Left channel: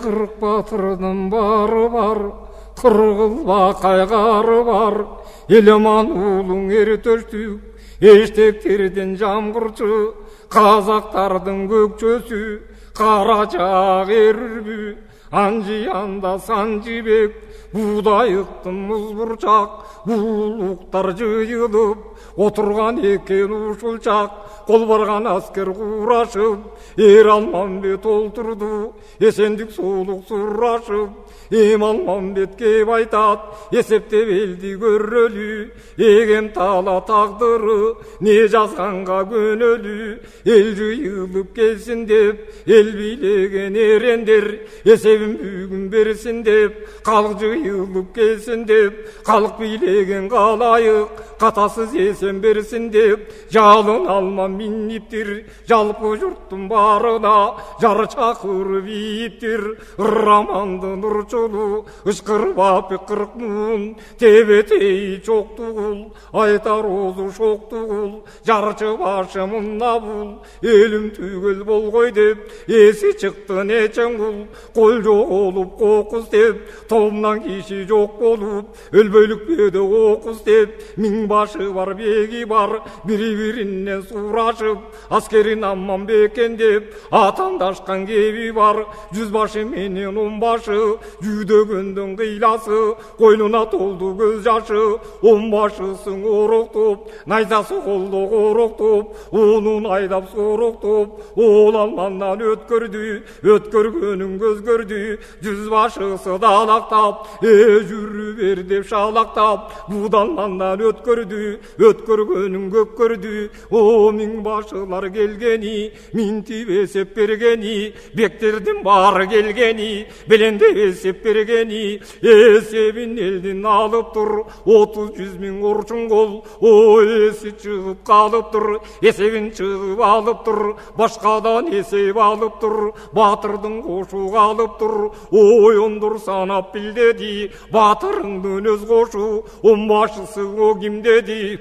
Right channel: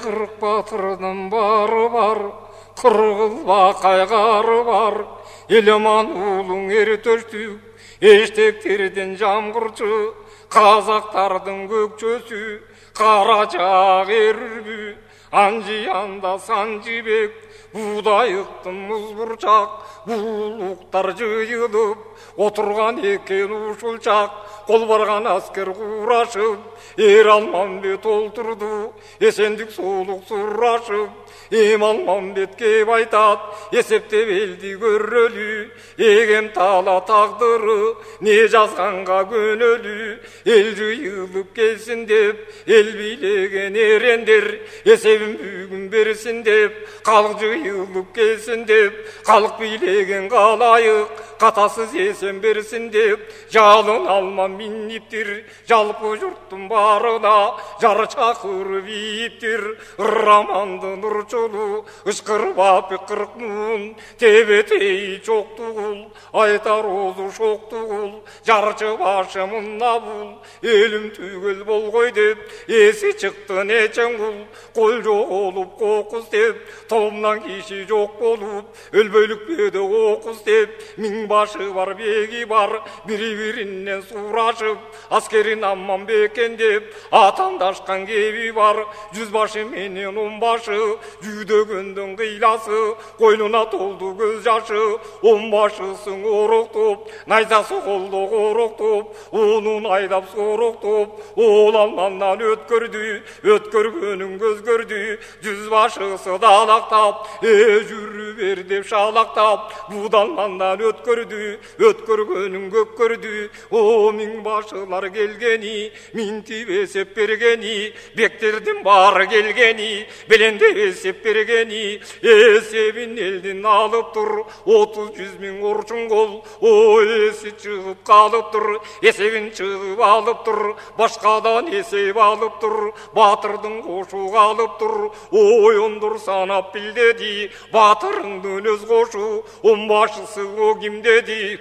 Қырық батырдың бары бар, қырғызба қайғары бар. Елеман ұлың ертөштік, ештектерден жамғырчы, қазақтардың көкчөсі, қарачақ ерірбі, анжияндо санжибек, будайыктын мұз бұрчақ, булуктар жыйылып, отырған екен ушулчақ, қол барған аскер қурашып, Алмамбет олтырды, есендік солық сұрашып, Алмамбет кеп айтат, есептеп елді көрөлі, егем тала тағдыры, не жазғанға көнөлі, ел жиылып келсін деп, ел билеген ерендер, есебін бүгін берсін деп, халық жиылып келсін деп, халық билеген қалайық, қатасыз есен берсін деп, жалын алман минниптір, жалпы жұрттың барына, жар чақырып иіптір, раманды нұрчылы, ышқырбап қырық мұн, тебетей çoқтығыл, айтар озу шоқтығыл, жарчы башы мұнна бұл, елім түгіл бол ғой деп, есі шықты нечен құл, қол жоқ олып қоқыз деп, тобынан киши жоқ болып, өлбөлік беді оқыз деп, мин башы бар бегі бар, бірі-бірінен сұрашып, аскерин амман бекен деп, атандашқан кеби бар, жүзбашы менен онбашы, жүдөгөндүн кыйласы, қойнуна толду көз жашы, онбашысын ороқтоп, найзасы қолды ороқтоп, онун айдап сороқтоп, ол алманнан өткөрдү, өткөргөнүн көз көрдү, жүзбашысы далақтап, жүрү бер деп шалақтап, будалмандан өткөрдү, өткөргөнүн көк көрдү, о миң башылар келгени, минтип эсеп бергени, бектердин бары келгени, беленде эсеп бергени, эсебин элдин алып тур, 30-100 миң орчун кол, о эси чыгып калып тур, эсебин чыгып алып тур, башкадан эсеп алып тур, батырдын кошу калып тур, оюндур санап бил деди, батырыңдын өз кошу, онбашысы о ким деди.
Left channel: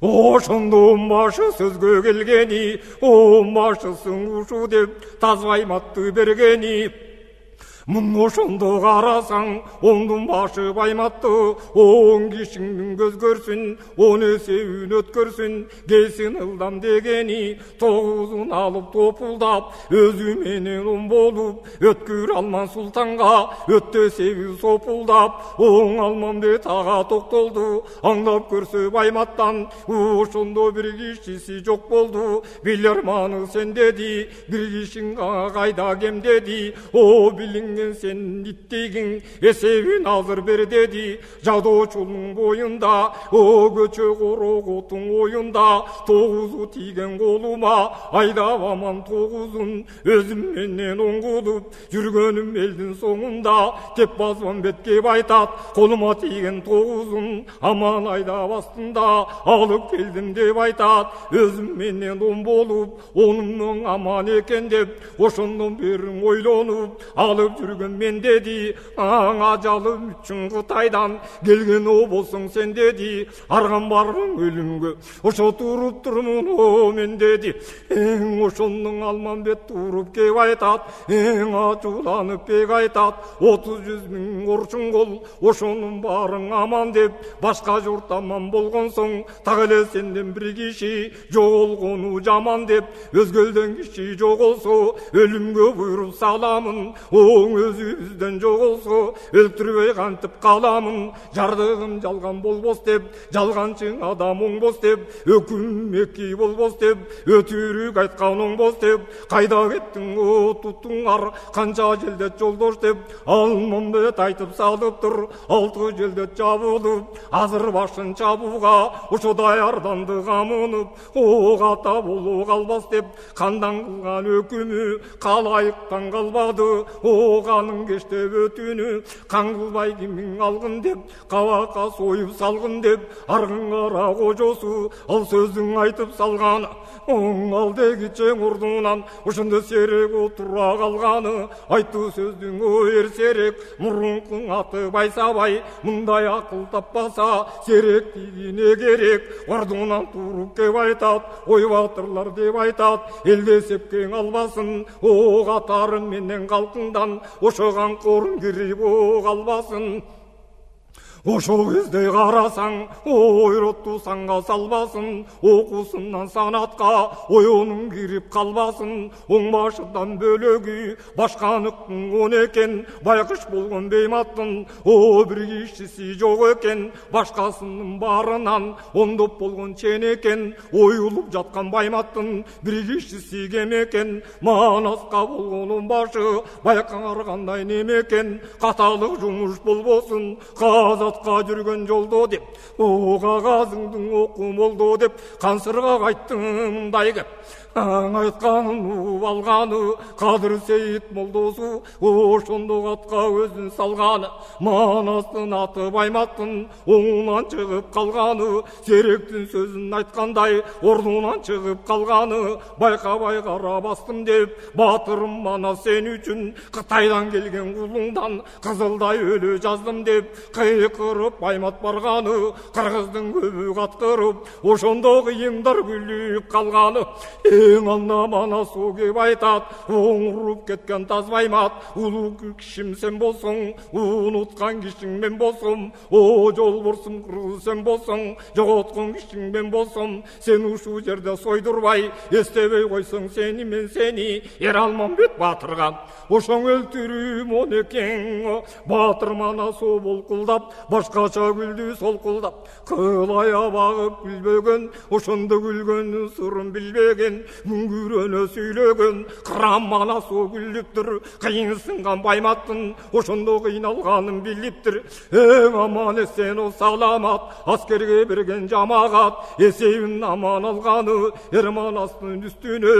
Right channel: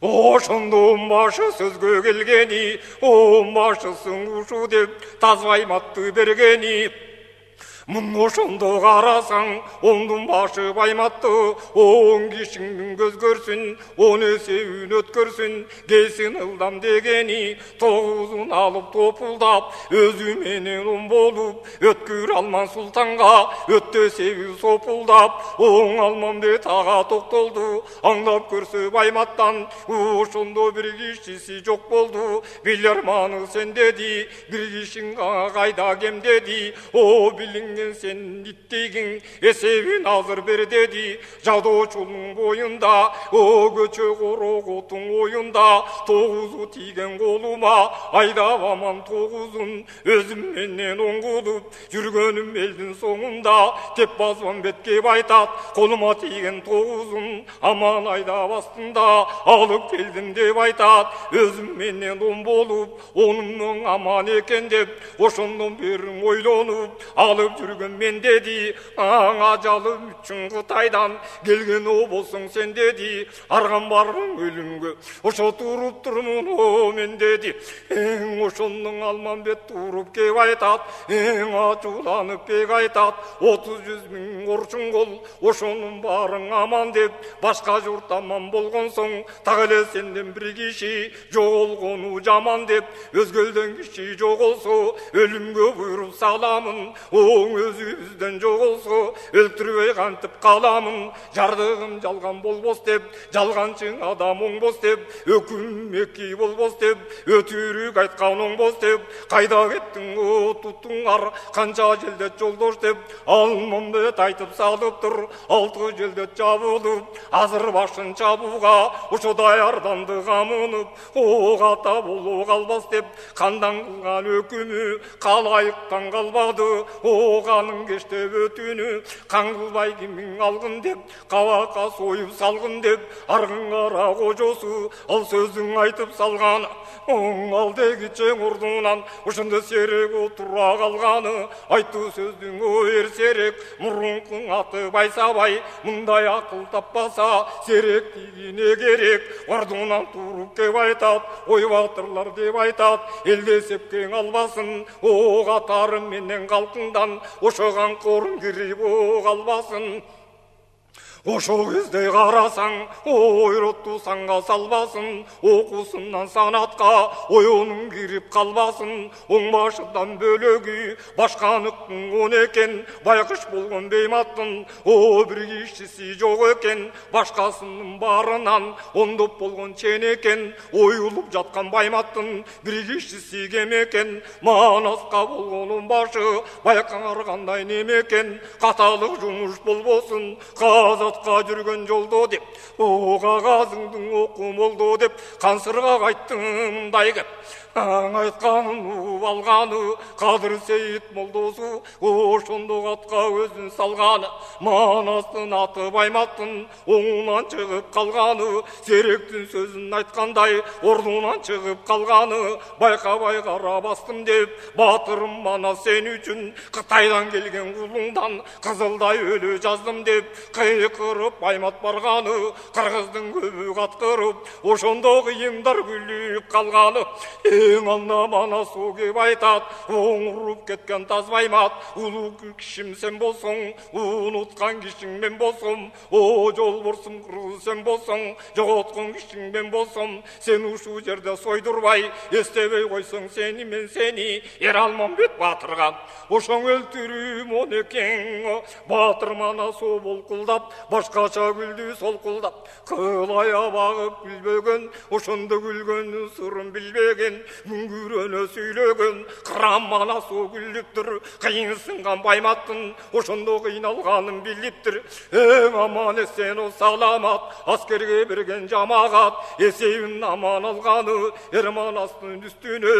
Ошондо онбашы сөзгө келгени, онбашысын ушу деп, тазбайматты бергени. Мұн ошондо қарасаң, оңдың башы байматты, оң кишіңдің көз көрсін, он есеуін өткөрсін, келсін ылдам дегени, 9-ун алып топулдап, өзі менен он болып, өткір алман сұлтанға, өтті сеуі сопулдап, оң Алмамбет аға тоқтолду, аңдап көрсө байматтан, ошондо бір кишisi жоқ болды, билерманы сен деди, бір кишің қайда кем деди, о билің sen ittегin esebin azır ber dedi, жадоочунун боюнда, о көчө короготун оюнда, 9'u тийген колума, айдабаман 9'ун, өзүм менен оңгулуп, жүргөнүм элдин соңунда, теп базбан бетке байтат, колума тийген 9'ун, аман айдап астында, алып келдим деп айтат, өзүм менен он болуп, онун аман экен деп, ошондон бери ойлонуп, алып жүргөн мен деди, аңа жалым үчүн Кытайдан келген о болсоң сен деди, арган барым өлүмгө, ошо туруп турмун о мен деди, ошондун Алмамбет туруп кеп айтат, ачууланып кеп айтат, 30-100 миң орчун кол, ошонун баарың аман деп, башка журт аман болгон соң, так эле сенден бир киши жоголгону жаман деп, өзгөлдөн киши жоголсо, өлүмгө буйруп саламын, оң өзүбүздөн жоголсо, өлтүрбөй кантип каламын, жардыгым жалган болбос деп, жалганчың адам оңбос деп, өкүм эки болбос деп, өтүрүк айткан оңбос деп, кайда кеттиң о туттуңар, канча желдет жолдош деп, Алмамбет айтып салыптыр, 6 желдет жабылып, азыр башын чабууга, ошо даярданды камынып, о ката боло калбас деп, кандан кылган өкүмү калайыктан калбады, о оғаның кеште өтүнү қан кылбай кимиң алгын деп кабакка союп салгын деп аргын кара кожосу ал сөзүң айтып салган оң ал деги чең ордунан ошондо серек отура калганы айтуу сөздүң оор серек мурункуң аты байсабай мындай акыл таппаса серек тигине керек ордунан туруп кеп айтат ой батырлар деп айтат элде сепкең албасын о катарым менен калкыңдан ошо канкорун кирип о калбасын ошо кезде карасаң ойротту санга салбасын окуусунан санатка оюнуң кирип калбасын оң башыдан бөлөгү башканыкың он экен байкыш болгон бейматтын о бир кишиси жок экен башкасынын баарынан ондоп болгон чен экен оюлуп жаткан байматтын бир кишиси кем экен манаска болгонун башы байкаңар неме экен каталык жумуш болбосун казатка жүргөн жолдо деп о кагазыңдын оку молдо деп кансырга айттым мындай кеп аң айтканын угуп алганы кадыр сейит молдосу ошондо атка өзүн салганы манастын аты байматтын оңунан чыгып калганы серектин сөзүн айткандай ордунан чыгып калганы байкабай кара бастым деп батырым манас сен үчүн Кытайдан келген кулуңдан кызылдай өлө жаздым деп кыйкырып баймат барганы кыргыздын көбү каткырып ошондо кыйыңдар күлүп калганы эң ална манас о кеп айтат оңуруп кеткен таз баймат улуу кишим сен болсоң унуткан кишиң мен болсом о жолборсум кыргыз сен болсоң жоготкон кишиң мен болсом сен ушул жерде сойдурбай эстебей койсоң сени мен сени Эралмамбет батырга ошоң өлтүрүм он экең батыр манас о болкулдап башкача күлдү солкулдап кылая багып күлбөгөн ошондо күлгөндүн сырын билбеген мүңгүрөнө сүйлөгөн кырам манас о күлүптүр кыйын сынган байматтын ошондо кыйналганын билиптир эң аман эсен о саламат аскерге берген жамагат эсебин аман алганы Эрманастын үстүнө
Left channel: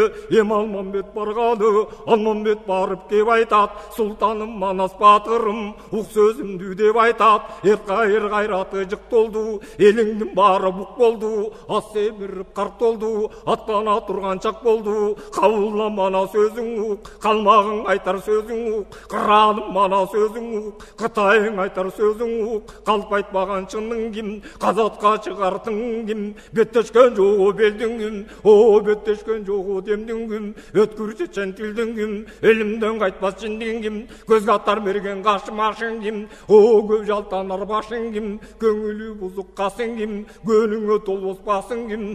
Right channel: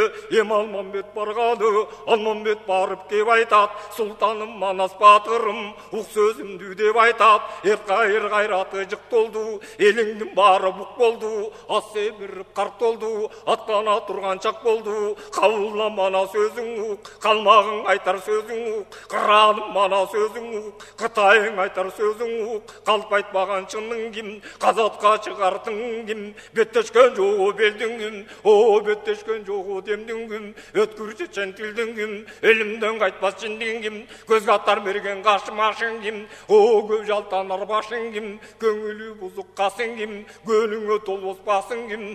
Алмамбет барганы Алмамбет барып кеп айтат султаным манас батырым ук сөзүмдү деп айтат эркайыр кайраты жык толду элиңдин баары бук болду ас семирип карт толду аттана турган чак болду кабылла мана сөзүң ук калмагың айтар сөзүң ук кыраным мана сөзүң ук Кытайың айтар сөзүң ук калп айтпаган чының ким казатка чыгартың ким беттешкен жогу белдиң ким о беттешкен жогу демдиң ким өткүр чечен тилдиң ким элимден кайтпас чиндиң ким көзгө атар берген кашым ашың ким о көп жалтанар башың ким көңүлү бузук касың ким көнүңө толбос басың ким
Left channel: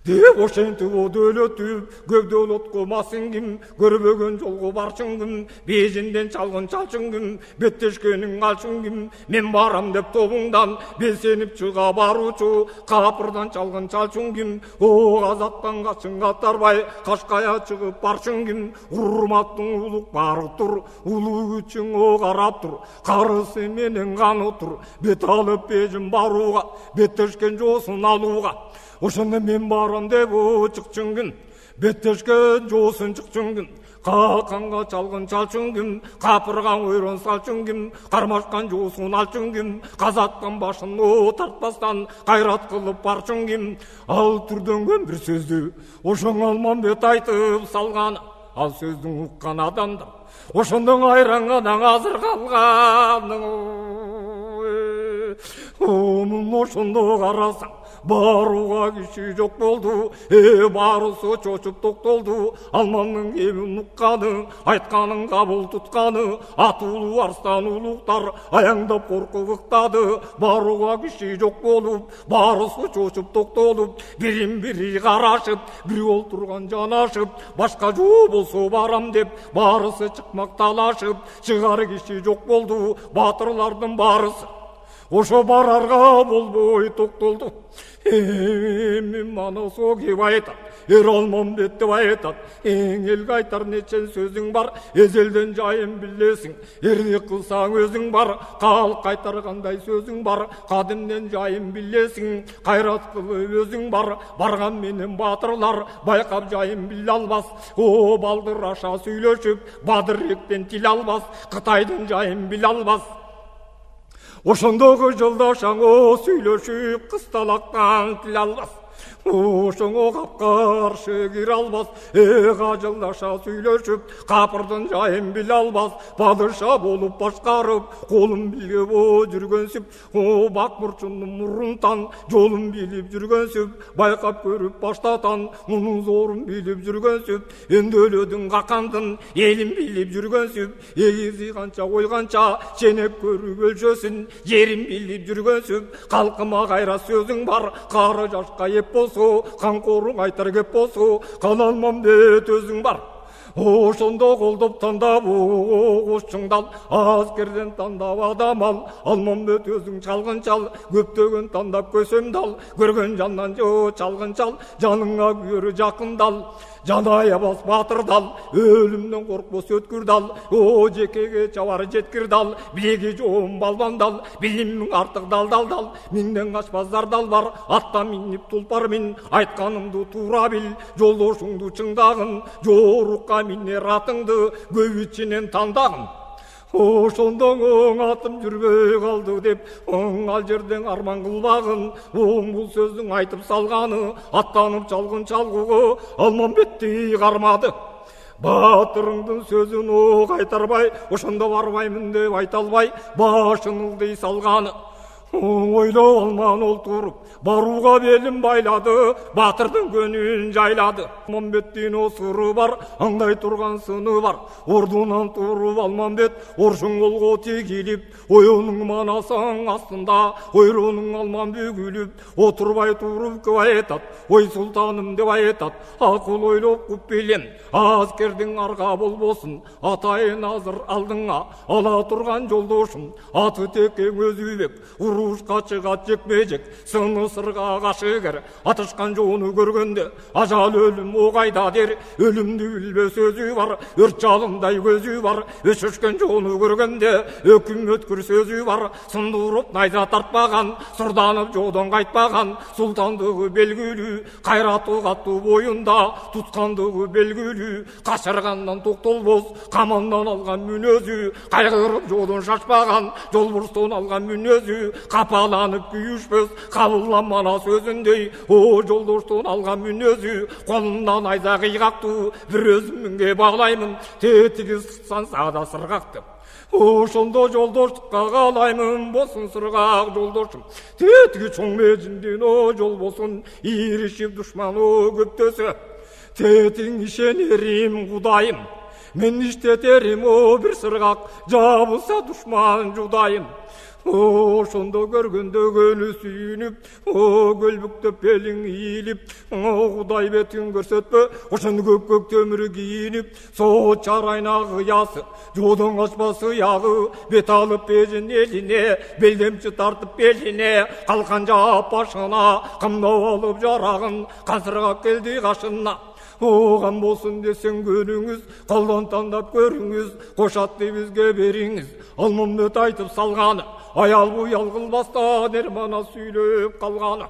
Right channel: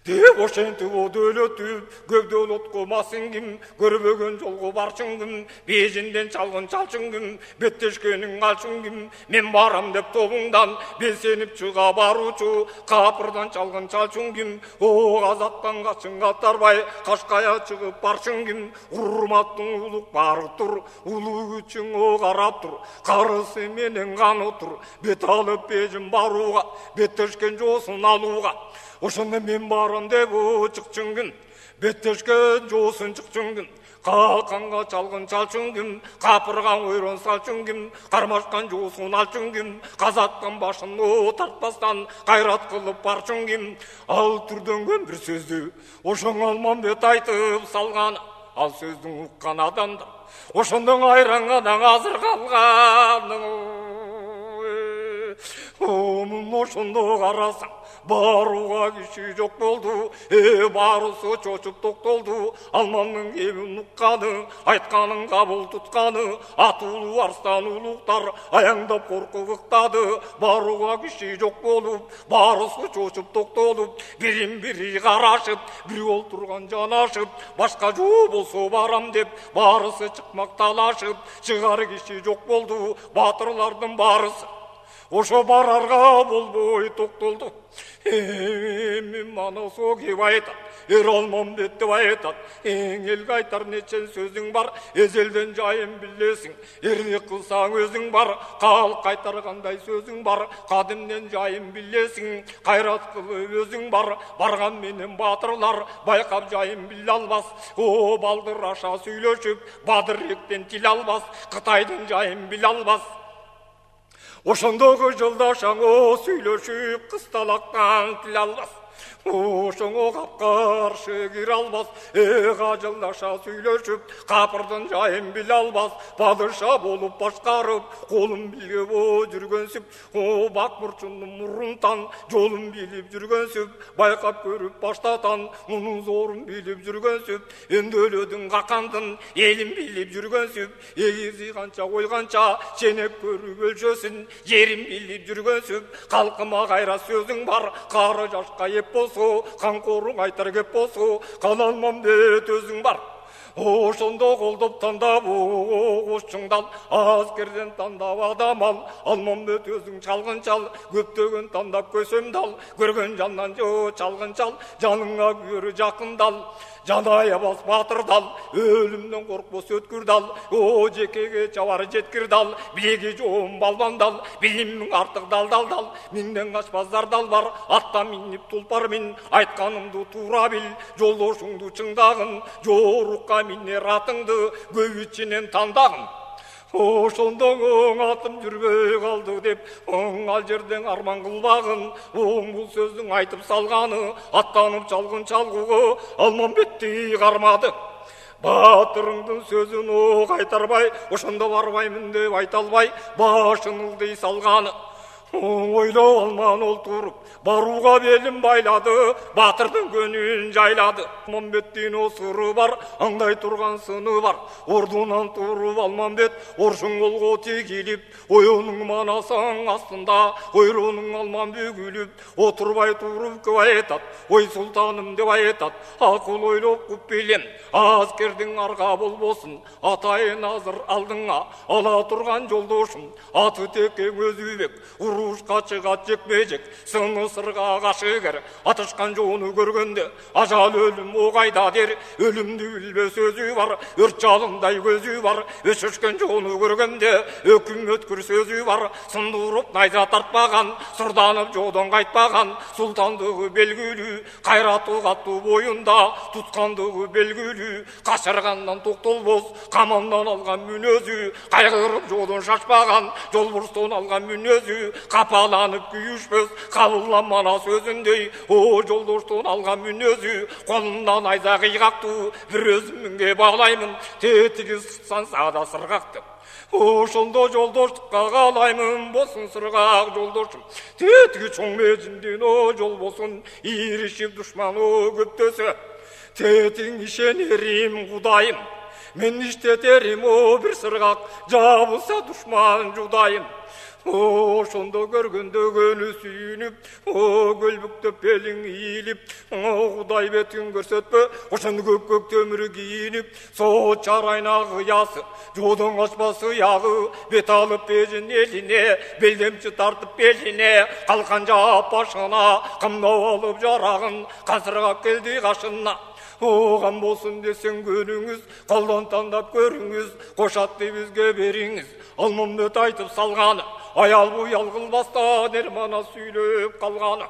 деп ошентип о дөөлөтүп көп дөөлөткө масың ким көрбөгөн жолго барчың ким бежинден чалгын чалчың ким беттешкениң алчың ким мен барам деп тобуңдан белсенип чыга баруучу капырдан чалгын чалчың ким о казаттан качың катарбай Кашкая чыгып барчың ким урматтың улук бары тур улуу күчүң о карап тур карысы менен каны тур бет алып бежин барууга беттешкен жоосун алууга ошондо мен барам деп чыкчың ким беттешкен жоосун чыкчың ким калканга чалгын чалчың ким капырган ойрон салчың ким кармашкан жоосун алчың ким казаттан башын тартпастан кайрат кылып барчың ким ал түрдөнгөн бир сөздү ошоң Алмамбет айтып салган ал сөздүн уккан адамдар ошондон айрангадан азыр калган ошондо карасаң барууга киши жок болду баарысы чочуп токтолду Алмамдын кебин укканы айтканын кабыл тутканы атуулуу арстан улуктар аяңдап коркуп ыктады барууга киши жок болуп баарысы чочуп токтолуп бирин бири карашып бирөө олтурган жанашып башка жоо болсо барам деп баарысы чыкмак талашып чыгар киши жок болду батырлардын баарысы ошо барарга болбой токтолду. Эми Манасу кеп айтат, Алмамбет деп айтат, эң элге айтар нечен сөзүң бар, эзелден жайын билесиң, эрлик кылсаң өзүң бар, калк кайтаргандай сөзүң бар, кадимден жайын билесиң, кайрат кылып өзүң бар, барган менен батырлар байкап жайын биле албас, о балдыр аша сүйлөшүп, Бадыректен тил албас, Кытайдын жайын биле албас. Ошондогу жолдошаң о сүйлөшүп, кысталактан тил албас. Ошоңо капкаршы кире албас, кажылдаша сүйлөшүп, капырдын жайын биле албас, падыша болуп башкарып, колун билеп жүргөнсүп, о бак бурчундун мурунтан жолун билип жүргөнсүп, байкап көрүп баштатан, мунун зорун билип жүргөнсүп, өндөлөдүн какандын элин билип жүргөнсүп, эгизи канча койганча ченеп көрүп өлчөсүн, жерин билип жүргөнсүп, калкыма кайра сөзүң бар, кары жашка еп болсо, канкоруң айтар кеп болсо, кала Алмамбет өзүң бар. Ошондо колдоп тандап кошчуңдал, аскерден тандап адам ал, Алмамбет өзүң чалгынчал, көптөгөн тандап көсөмдал, көргөн жандан чалгынчал, жаныңа күйөрү жакындал. Жанайабас батырдал, өлүмдөн коркпос өткүрдал, о жекеге чабар жеткирдал, билеги жоом балбандал, билимиң артык далдалдал, миңден качпаздардал бар, атта минип тулпар мин, айтканымды туура бил, жолдошуңду чыңдагын, жорукка минер атыңды, көп ичинен тандагын. Ошондоң атым жүрбөй калды деп, ал жерден арман кылбагын, бул сөздүн айтып салганы, аттанып чалгын чалгуго Алмамбетти кармады. Батырыңдын сөзүн кайтарбай, ошондо барбаймын деп айта албай, башын ылдый салганы. Ойлоп алман олтуруп, барууга белин байлады, батырдын көнүн жайлады. Алмамбеттин осуру бар, аңдай турган сыны бар. Ордунан туруп Алмамбет, оршуң колго тигилип, оюнуң манасаң астында, ойронуң алман бүгүлүп, отурбай туруп кеп айтат, ой султаным деп айтат, акыл ойлоп куп билем, аскердин арга болбосун, атайын азыр алдыңа, ала турган жолдошум, аты текең өзүбек, урушка чыгат жекме-жек, сыны сырга кашыгер, атышкан жоону көргөндө, ажал өлүм огайда дер, өлүмдү билбес өзү бар, өрт жалындай көзү бар, өшөшкөн жоону көргөндө, өкүм өткүр сөзү бар, сындырып найза тартпаган, сурданып жоодон кайтпаган, султандыгы белгилүү, кайраты каттуу боюнда, туткандыгы белгилүү, качыргандан токтолбос, камандан алган мүнөзү, кайгырып жоодон шашпаган, жолбурстон алган мүнөзү, капаланып күйүшпөс, кабылданмана сөзүндөй, о жолдоштон алган мүнөзү, колундан найза кыйгактуу, бир өзүмүнге баглаймын, тетиги сыксан саада сыргакты. Ошондо жолдоштукка каалаймын, болсун сыргак жолдошум, тетиги чоң межиндин о жол болсун, иришип душман о көптөсө, тетиң ишенерим Кудайым, мен иштетерим о бир сыргак, жабылса душман жудайым. Ошондо көргөндө көнү сүйүнүп, көлбүктөп белиң ийилип, Кудай бетин көрсөтпө, ошондо көк төмүр кийинип, соот чарайнагы ясы, жоодон качпасы ягы, бет алып бежин элине, белдемчи тартып белине, калкан жаап башына, камдап алып жарагын, казырга келди кашына. Оған болсын десең көнүңүз, колдон тандап көрүңүз, кошатты бизге бериңиз, Алмамбет айтып салганы, аял буял кылбастан Эрмана сүйлөп калганы.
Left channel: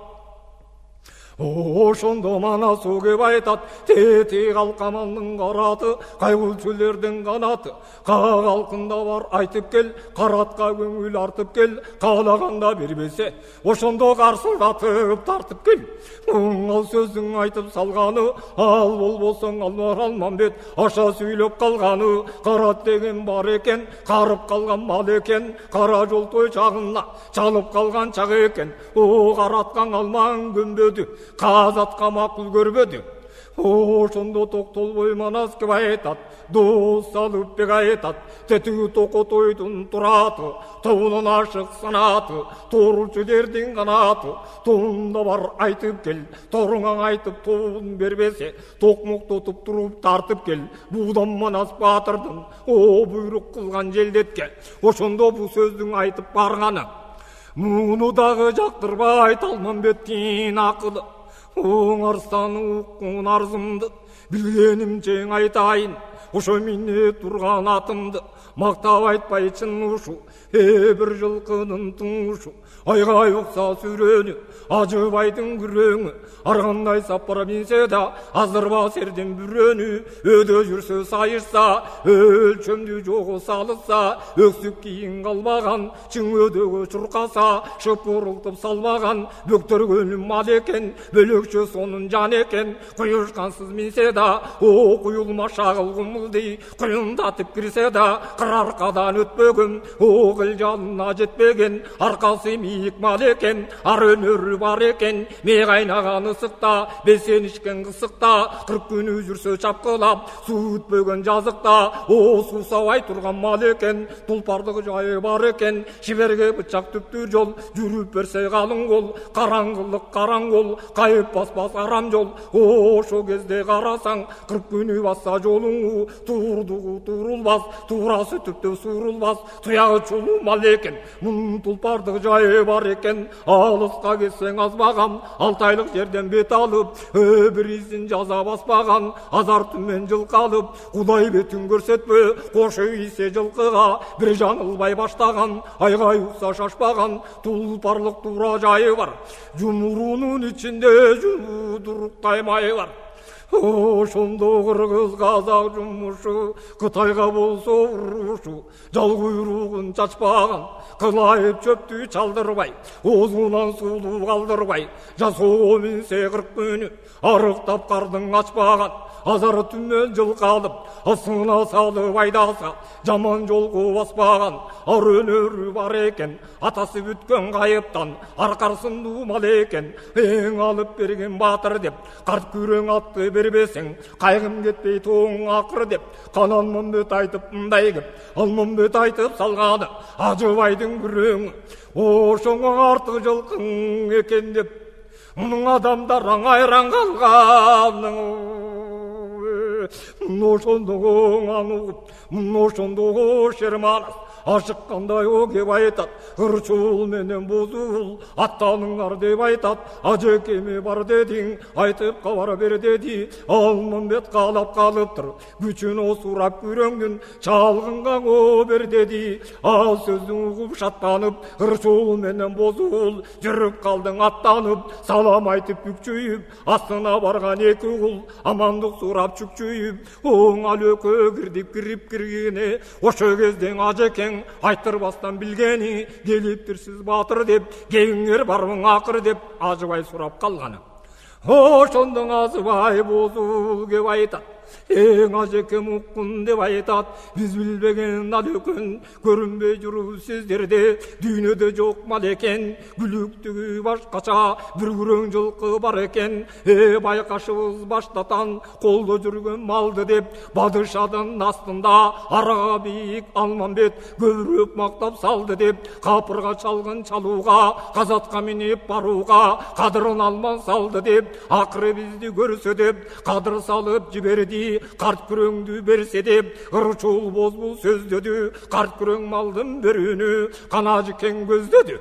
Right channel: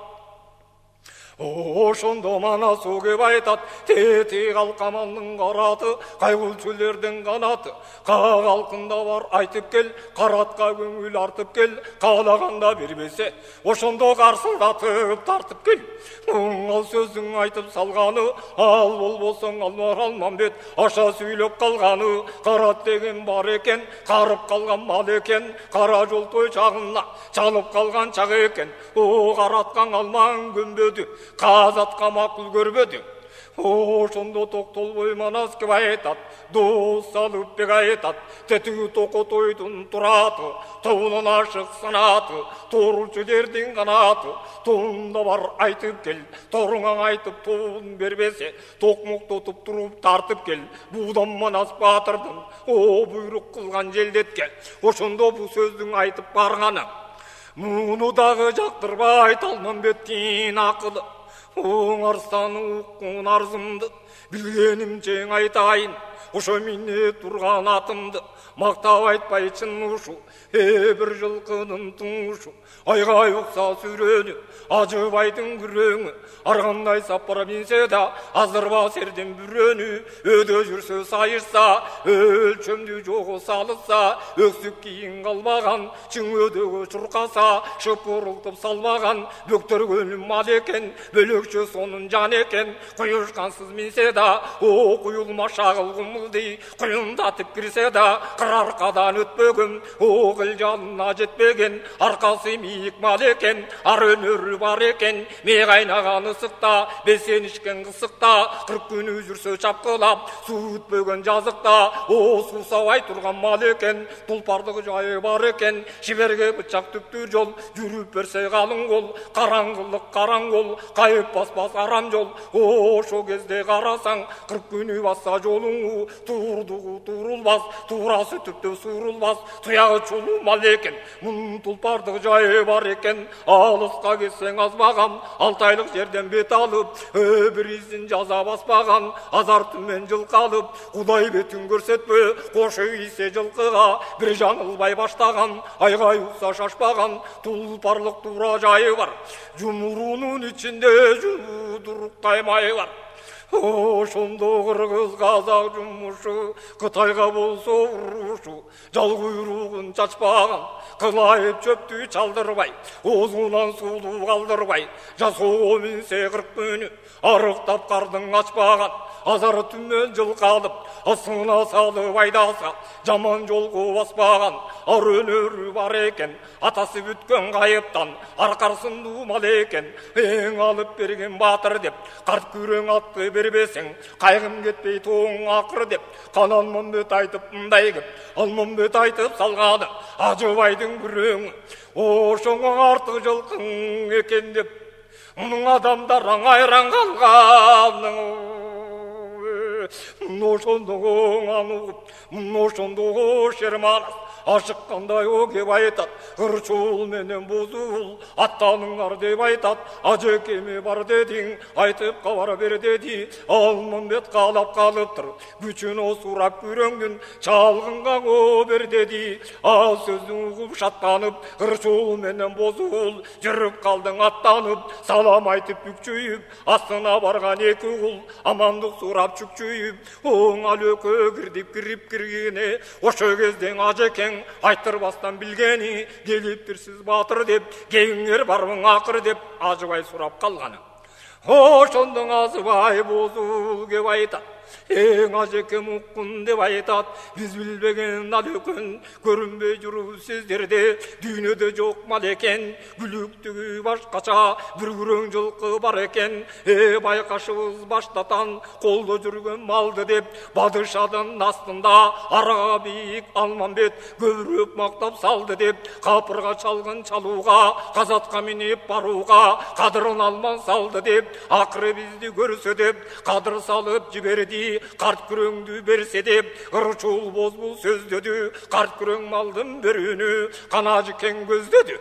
Ошондо Манасу кеп айтат, тети калкамандын караты, кайгылчүлөрдүн канаты, калкында бар айтып кел, каратка көңүл артып кел, каалаганда бербесе, ошондо карсылдатып тартып кел. Ал сөзүң айтып салганы, ал болбосоң алмар Алмамбет, аша сүйлөп калганы, карат деген бар экен, карып калган мал экен, кара жолтой чагына чалып калган чак экен, караткан алман көнбөдү, казатка макул көрбөдү. Ошондо токтолбой Манас кеп айтат, дос алып бек айтат, тетиги токотойдун тураты, тобунун ашык санаты, тооручулердин канаты, тобунда бар айтып кел, торуңа айтып тобун бербесе, токмоктотуп туруп тартып кел, буудан Манас батырдын буйрук кылган желдетке. Ошондо бул сөздүн айтып барганы, муну дагы жактырбай Талмамбеттин акылы. Оңарстан уккун арзымды, билгенимче айтайын, ошо мине турган атымды мактап айтпайчын ушу. Бир жылкынын туңушу, айгай укса сүрөнү, ажыбайдын күрөңү. Ар кандай сапар минсе да азырба сердин бүрөнү. Өдө жүрсө сайышса, өлчөмдү жогу салса, өксүк кийин калбаган, чың өдөгө чуркаса, шыпырылтып салбаган, бөктөргөнүм мал экен, бөлөкчө сонун жан экен. Куюшкансыз минсе да, о куюлма шагыл кумулдей, куюндатып кирсе да, кыраркадан өтпөгөн, о кыл жанына жетпеген, аркасы мийик мал экен, ар өнөрү бар экен. Ме кайнаган ысыкта, бесен ичкен кысыкта, 40 күнү жүрсө чапкылап, суу өтпөгөн жазыкта, о суусабай турган мал экен, тулпардык жайы бар экен. Шиберге бычак түптүр жол, жүрүп берсе калың кол, караңгылык караңгол, кайып баспас арам жол. Ошо кезде карасаң, 40 күнү басса жолуңу, турдугу турулбас, туурасы түптөп сурулбас, туягы чулуу мал экен, мунун тулпардык жайы бар экен. Алыска кетсең азбаган, 6 айлык жерден бет алып, бир изин жаза баспаган, азар түмен жылкалып, Кудай бетин көрсөтпө, кошу ийсе жылкыга, бир жаңылбай баштаган, айгай укса шашпаган, тулпарлык туура жайы бар. Жумурунун ичинде жуудуруктай май бар. Ошондо кыргыз казак жумушу, Кытайга болсо урушу, жал куйругун чачпаган, кылайып чөптү чалдырбай, оозунан суулуу калдырбай, жасоо минсе 40 күнү, арыктап кардың ачпаган, азар түмөн жылкалып, асына салып айдаса, жаман жолго баспаган, ар өнөрү бар экен, атасы бүткөн кайыптан, аркарсындуу мал экен. Эң алып берген батыр деп, карт күрөң атты бербесең, кайгым кетпей тоң акыр деп, Кананмамбет айтып мындай кеп, Алмамбет айтып салганы, ажыбайдын күрөңү. Ошоңо артык жылкың экен деп, мунун адамдар айран калган. Ошондого анугуп, ошондого шерманас, ашыккандай о кеп айтат, ырчул менен бузул, аттаныңар деп айтат. Ажекеме бар дедиң, айтып кабар бер деди. Алмамбет каалап калыптыр, күчүн осурап күрөңдүн, чалгынга о бер деди. Ал сөздүн угуп шаттанып, ырчул менен бузул, жүрүп калдың аттанып, салам айтып бүкчүйүп, астына барган 2 кул, амандык сурап чүкчүйүп, оң алөкө кирип киргене. Ошо кезден ажекең айтырбастан билгени, келиптирсиз батыр деп, кеңиңер барбың акыр деп, ажыбай сурап калганы. Ошондон азыбай бозул кеп айтат, эң ажекем уккун деп айтат. Биз билбеген алөкөн, көрүнбөй жүрүп сиздерде, дүйнөдө жок мал экен, күлүктүгү башкача, бир күрөң жылкы бар экен. Байкашыбыз баштатан, колдо жүргөн малды деп, падышадын астында арага бийик Алмамбет көбүрөөк мактап салды деп, капырга чалгын чалууга, казатка минип барууга, кадырын алман салды деп, акыры бизди көрсө деп, кадыр салып жиберди. Карт күрөңдү берсе деп, ырчул бозбул сөздөдү, карт күрөң малдын берүүнү канажыкең көздөдү.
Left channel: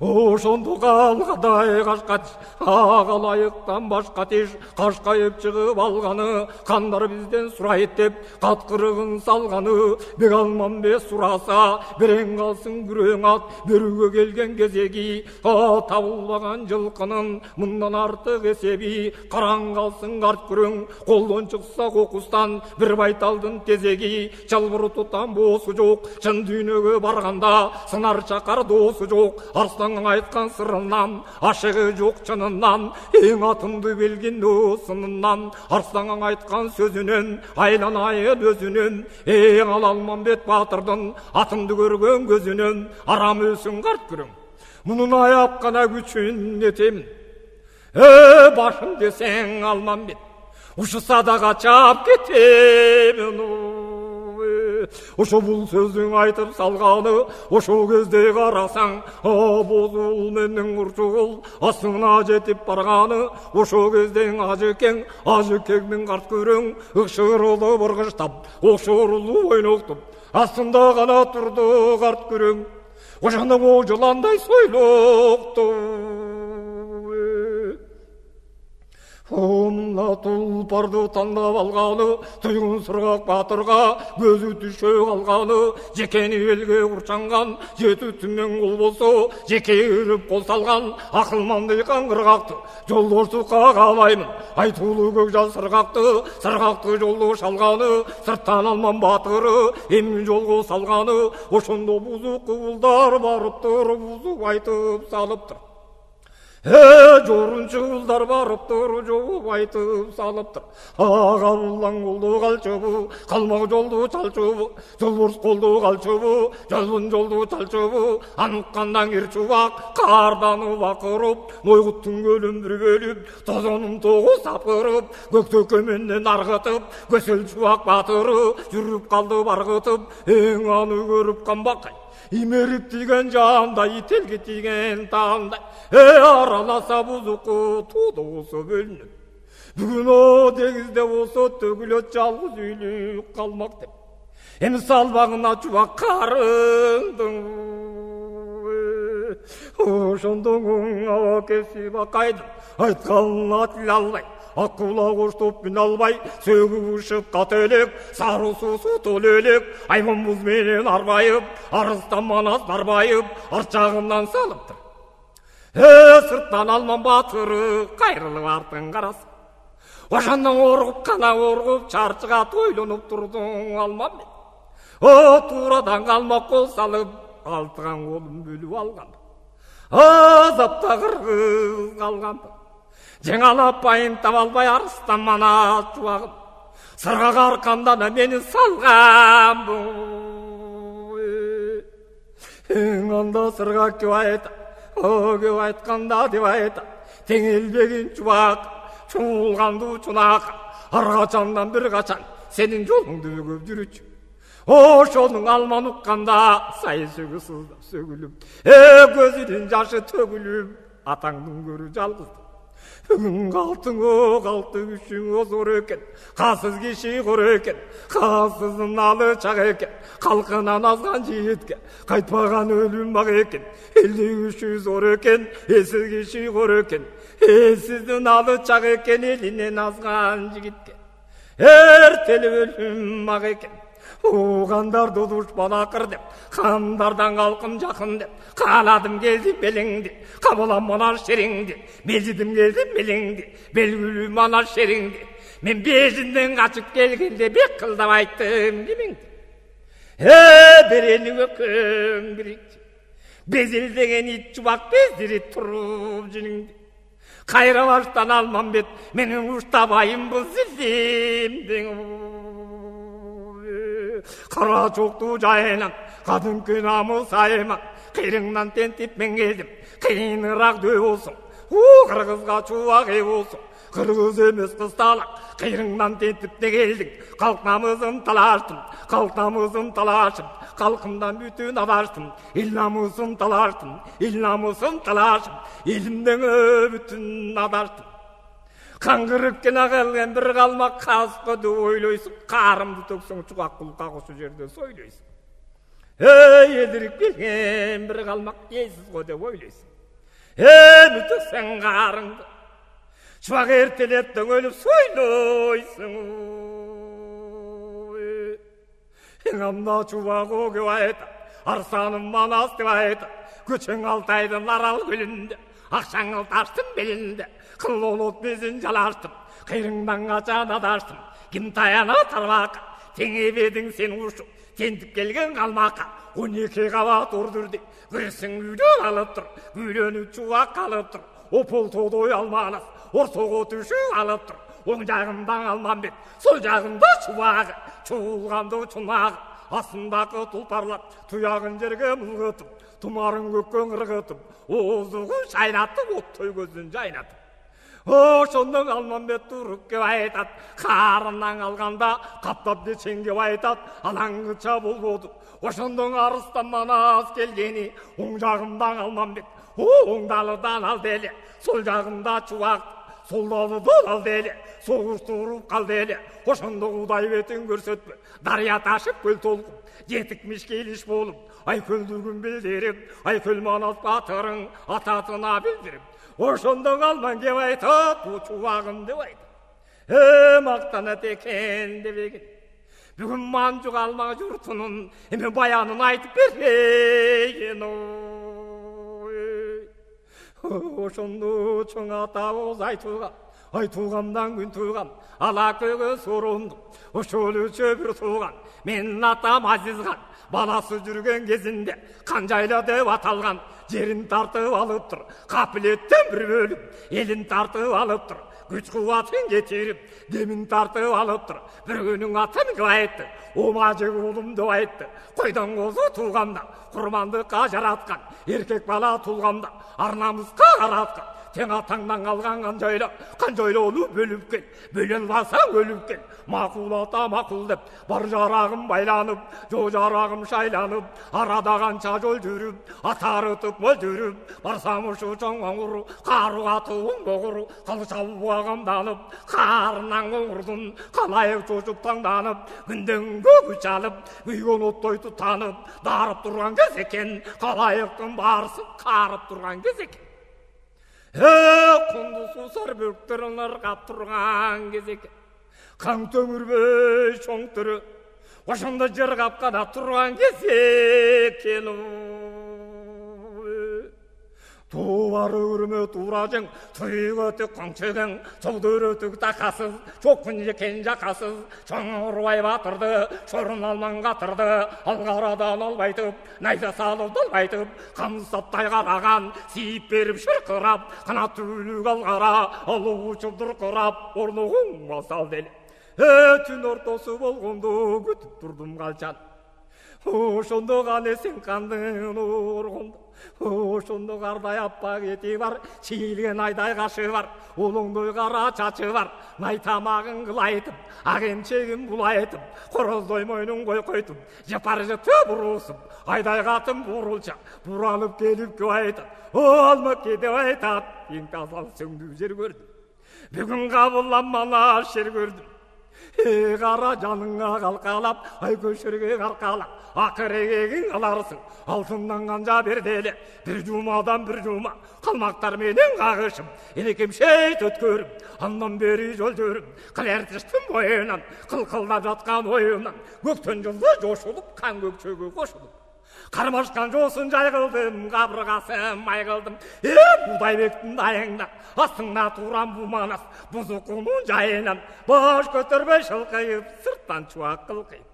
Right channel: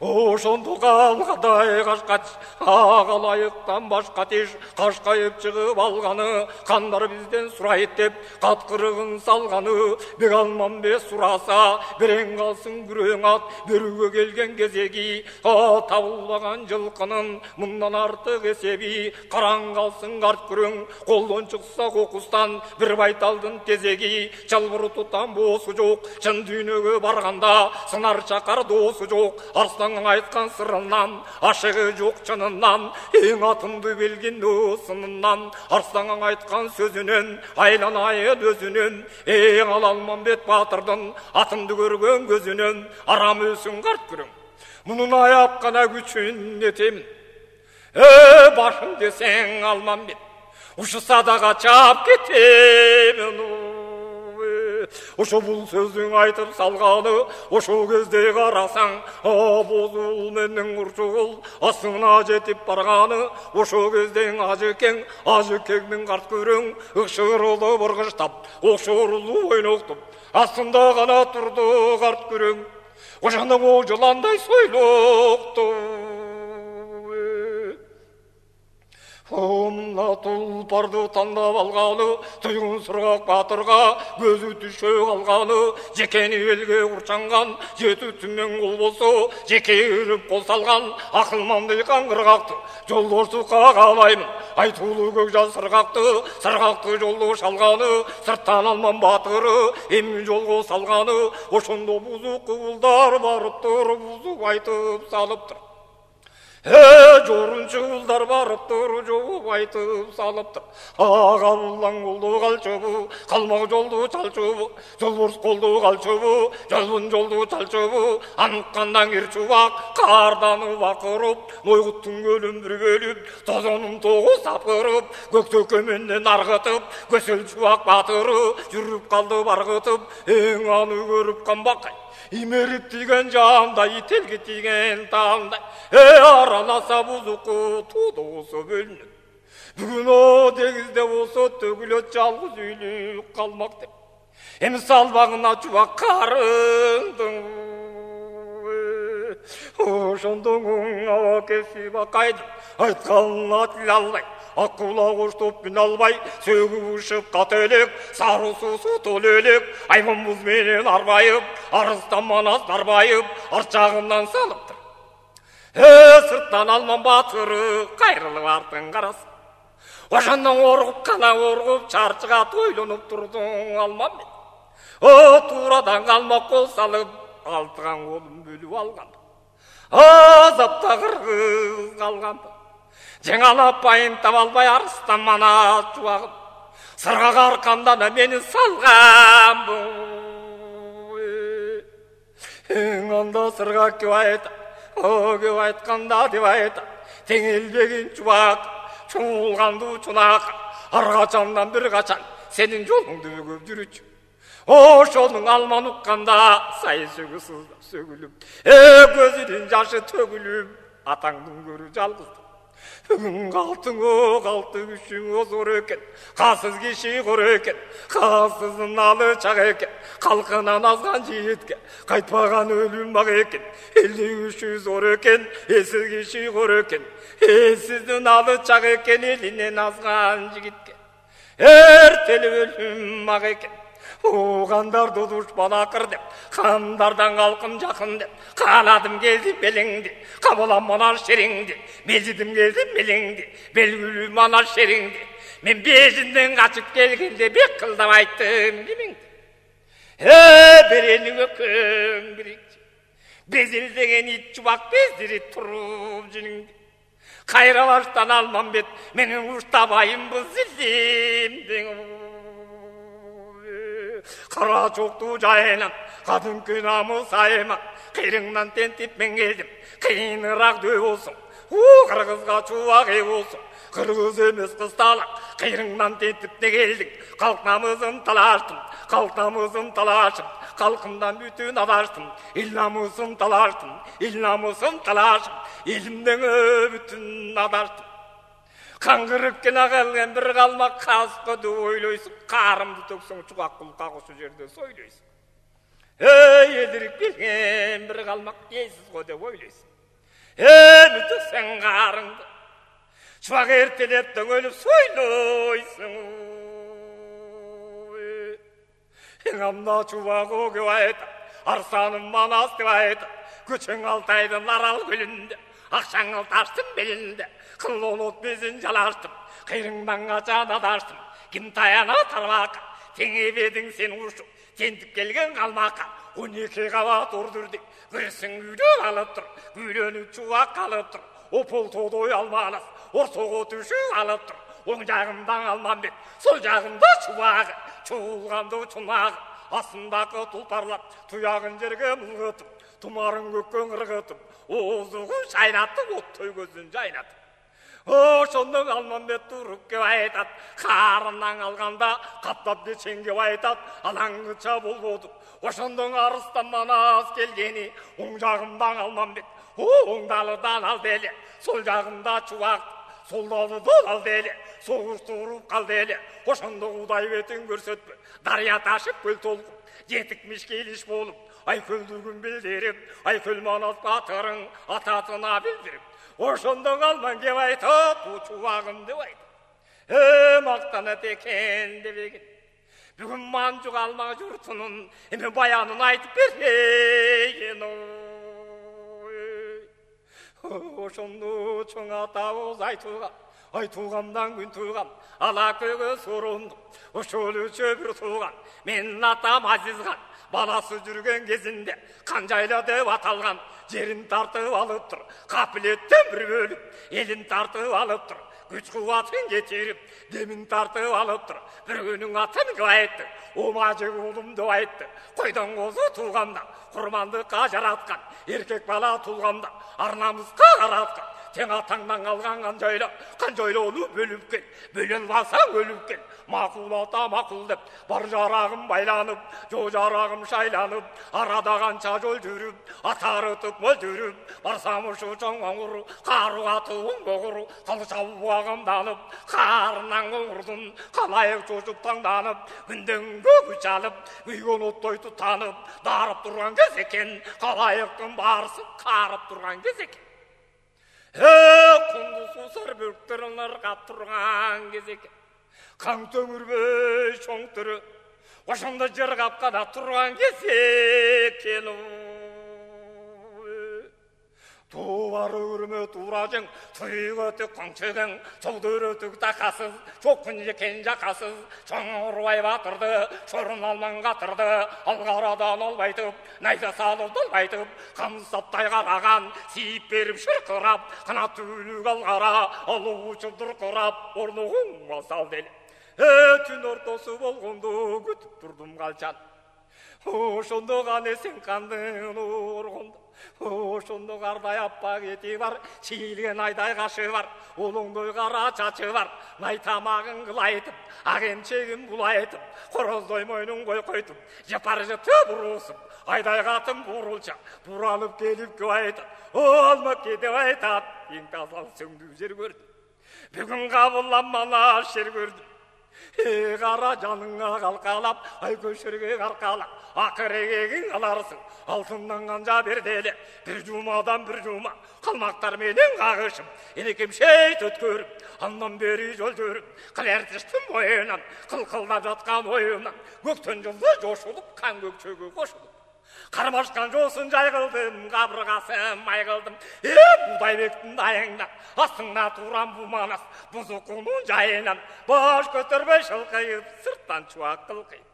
Ошондо калгадай кашкач, агалайыктан башка тиш, кашкайып чыгып алганы, кандар бизден сурайт деп, каткырыгын салганы. Бек Алмамбет сураса, берең калсын күрөң ат, берүүгө келген кезеги, табылбаган жылкынын мындан артык эсеби. Караң калсын карт күрөң, колдон чыкса кокустан, бир байталдын тезеги. Чалбыр тутан боосу жок, чын дүйнөгө барганда, сынар чакар доосу жок. Арсланның айткан сырынан, ашыгы жок чынынан, эң атымды белгин сынынан. Арсланның айткан сөзүнөн, айланайын өзүнөн, эң Алмамбет батырдын атымды көргөн көзүнөн. Арам өлсүн карт күрөң, мунун аяп гана күчүн этемин. Башым десең Алмамбет, ушуса дагы чап кетемин. Ошо бул сөздүн айтып салганы, ошо кезде карасаң, бозул менен урчугул астына жетип барганы. Ошо кезден ажекеңдин карт көрөң, ыкшырылып ыргыштап, окшорулуп ойноктуп, астында гана турду карт көрөң. ошондо о жыландай сойлокту. Мына тулпарды тандап алганы, түйгүн сыргак батырга көзү түшө калганы, жекени элге курчанган, жети түмөн кул болсо, жеке ирип кол салган, акылманды каңгыргакты, жолдоштукка каалаймын, айтуулуу көк жаз сыргакты жолдо шалганы, сырттан алман батыры, эми жолго салганы, ошондо бузук куулдар барыптыр, бузуп айтып салыптыр. Жорунчу кулдар барыптыр, жооп айтып салыптыр. Ага булаң колду калчыбы, калмак жолду чалчыбы, жолборс колду калчыбы, жолбун жолду чалчыбы, аныккандан кир чубак, кардан бакырып, Нойгуттун көлүн бир бөлүп, тозонун тогу сапырып, көктөккө менден аргытып, көсөл чубак батыры, жүрүп калды баргытып, эң аны көрүп камбакай. Имерип тиген жандай, ителги тиген таңдай, араласа бузуку туду болсо бөлүнөт. Бүгүн о деңизде болсо төгүлөт жалгыз үйлүү калмак деп. Эми салбагына чубак карындың. Ошондон аба кесип акайдым, айтканына тил албай. Аккула коштоп мин албай, сөгүп ышып кателек, сары суусу тол элек, айман буз менен арбайып, арыстан манас нарбайып, арчагынан салыптыр. Сырттан алман батыры, кайрылып артын карасы. Ошондон оргуп, кана оргуп, чарчыга тойлонуп турдуң алман мен. Туурадан калмак кол салып, алтыган колун бөлүп алган. Азапта кыргыз калган. Жеңалап байын таба албай арыстан манас чубагым, сыргак аркамдан мени салган бу. Эң анда сыргак кеп айтат, кеп айтканда деп айтат, теңелбегин чубак, чуулганды чунак, ар качандан бир качан сенин жолуңду бөгөп жүрүчү. Ошонун алман укканда сайы сөгү сыздап сөгүлүп, көзүнүн жашы төгүлүп, атаңдын көрү жалгызды. Бүгүн калты күшүң зор экен, касыз киши кор экен, касыздын алы чак экен, калкынан азган жигитке кайтпаган өлүм бак экен, элди күшү зор экен, эсиз киши кор экен, эсиздин алы чак экен, элинен азган жигитке эртелеп өлүм бак экен. Угандарды душман акыр деп, кандардан калкым жакын деп, кааладым келди белеңди, кабылам манар шериңди, мелжидим келди мелеңди, белгүлүү манар шериңди. Мен бежинден качып келгенде бек кылдап айттым кимиңди. Берени өкөң бирикчи, безилдеген ит чубак бездирип туруп жиниңди. Кайра баштан алман бет, менин уштабайым бул зилдим. Кара чокту жайынан, кадимки намыс айынан, кыйрыңнан тентип мен келдим, кыйыныраак дөй болсун, кыргызга чубак эй болсун, кыргыз эмес кысталак, кыйрыңнан тентип не келдиң, калк намысын талаштым, калк намысын талашым, калкымдан бүтүн адаштым, эл намысын талаштым, эл намысын талашым, элимден бүтүн адаштым. Каңгырып кена калган бир калмак каскы деп ойлойсуң, карымды төксөң чубак кулка кушу жерде сойлойсуң. Элдирип келген бир калмак эсиз го деп ойлойсуң. Эми төксөң карыңды, чубак эртелеп дөңөлүп сойлойсуң. Анда чубак о кеп айтат, арсаным манас деп айтат, көчөң Алтайдын Арал көлүндө, акчаңыл таштын белинде, кыллон от безин жалаштым, кыйрыңдан качан адаштым, ким таяна тарбакка, теңебедиң сен ушуп, тентип келген калмакка, 12 кабат ордурду, кырсың үйдө алып тур, күйлөнүп чубак алып тур, опол тодой алманас, ортого түшүп алып тур, оң жагымдан алман бет, сол жагымда чубагы, чуулганды чунагы, астындагы тулпарлап, туягын жерге мылгытып, тумарын көккөн ыргытып, оозугун шайнатып, оттой көзүн жайнатып. Ошондон Алманбет туруп кеп айтат, карынан алганда каптап дечен кеп айтат, алаңгыча болбоду. Ошондон арыстан манас келгени, оң жагымдан Алманбет, оң далыдан алды эле, сол жагымда чубак, сол далыдан алды эле, согуштуруп калды эле. Ошондо Кудай бетин көрсөтпө, дарыя ташып көл толкуп, жетикмиш келиш болуп, айкөлдүгүн билдирип, айкөл манас батырың атасына билдирип, ошондо калман кеп айтат, бу чубагым деп айтат. Мактанат экен дебеген. Бүгүн Манжук алма журтунун эми баянын айтып берейин. Ошондо чоң атабыз айтылгандан күн туган, ала көйгө сорондук, ошол чөбүр туган, менин атам Азизхан, баласы жүрген кезинде Канжайла деп аталган, жерин тартып алыптыр, капилеттен бир бөлүп, элин тартып алыптыр, күч кубатын кетирип, демин тартып алыптыр, бир күнүң атын кып айтты, омажы уулум деп айтты, койдон козу тууганда, курмандыкка жараткан, эркек бала туулганда, арнамызга караткан, тең атаңдан калган Канжайлоону бөлүп кел, бөлө албасаң өлүп кел, макул ата макул деп, бар жарагым байланып, жо жарагым шайланып, арада канча жол жүрүп, атарытып мол жүрүп, барсам ушу чоң оңур, кару атуым богур, калча буагамданып, карынан оңурдун, калайык чочуп таңданып, күндөн күч алып, күйгөн оттой тутанып, дарып турган кез экен, калайыктын баарысын карып турган кез экен. Кунду сусар бөктөрүн ыргап турган кез экен. Каң төңүрбөй чоң түрү, ошондо жыргап гана турган кез экен. Туары үрмөт уражың, туйгөтүк коңчугуң, чолдөрөтүк такасыз, чокун жекен жакасыз, чоңурбай батырды, чорун алман катырды, алгарадан албайтып, найза салып долбайтып, камсаттай караган, siiп берип шыркырап, канат түлүк алгара, алуу учурдур курап, орнугуң масал деле. Түн ортосу болгондо күтүп турдум калчан. Ошондо гана сен кандын оргондо, ошондо кардай аппак эти бар, чийилген айдай кашы бар, улуңдой кара чачы бар, най тамагын кылайтып, ак эмчегин булайтып, короздой мойнун койкойтуп, жапар жыты буруусуп, айдай катын бурулча, буралып келип кеп айтат, алмакке деп айтат, эң тазал сөңдүү жер көрдүм. Бүгүн кабылданмана шер көрдүм. Кара жаныңа калкалап, ай көшөргө каркалап, акыр эгегиң аларсың, алтындан канжа берделе, бир жумадан бир жума, калмактар менен кагышып, энекем шейт өткөрүп, андан бери жол жүрүп, кылертиштин боюнан, кылкылдап жаткан оюнан, көктөн жылды жошулуп, кан көкчөгө кошулуп. Кармашкан жоосун жай кылдым, кабыргасын май кылдым. Будайбектин дайыңдан, астыңда туран бу манас, бузукунун жайынан, баш көтөрбөй шылкыйып, сырттан чубак кылкыйып.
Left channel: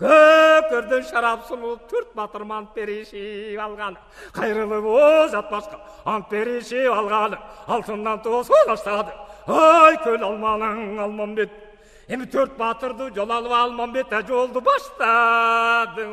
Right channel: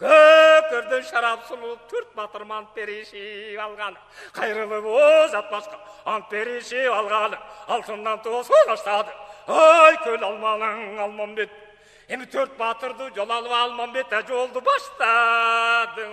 Көкөрдөн шарап сулуп, төрт батыр мант беришип алганы, кайрылып озат башка, ант беришип алганы, алтындан тоосун баштады. Ай көл алманың Алмамбет, эми төрт батырды жол алып Алмамбет жолду баштады.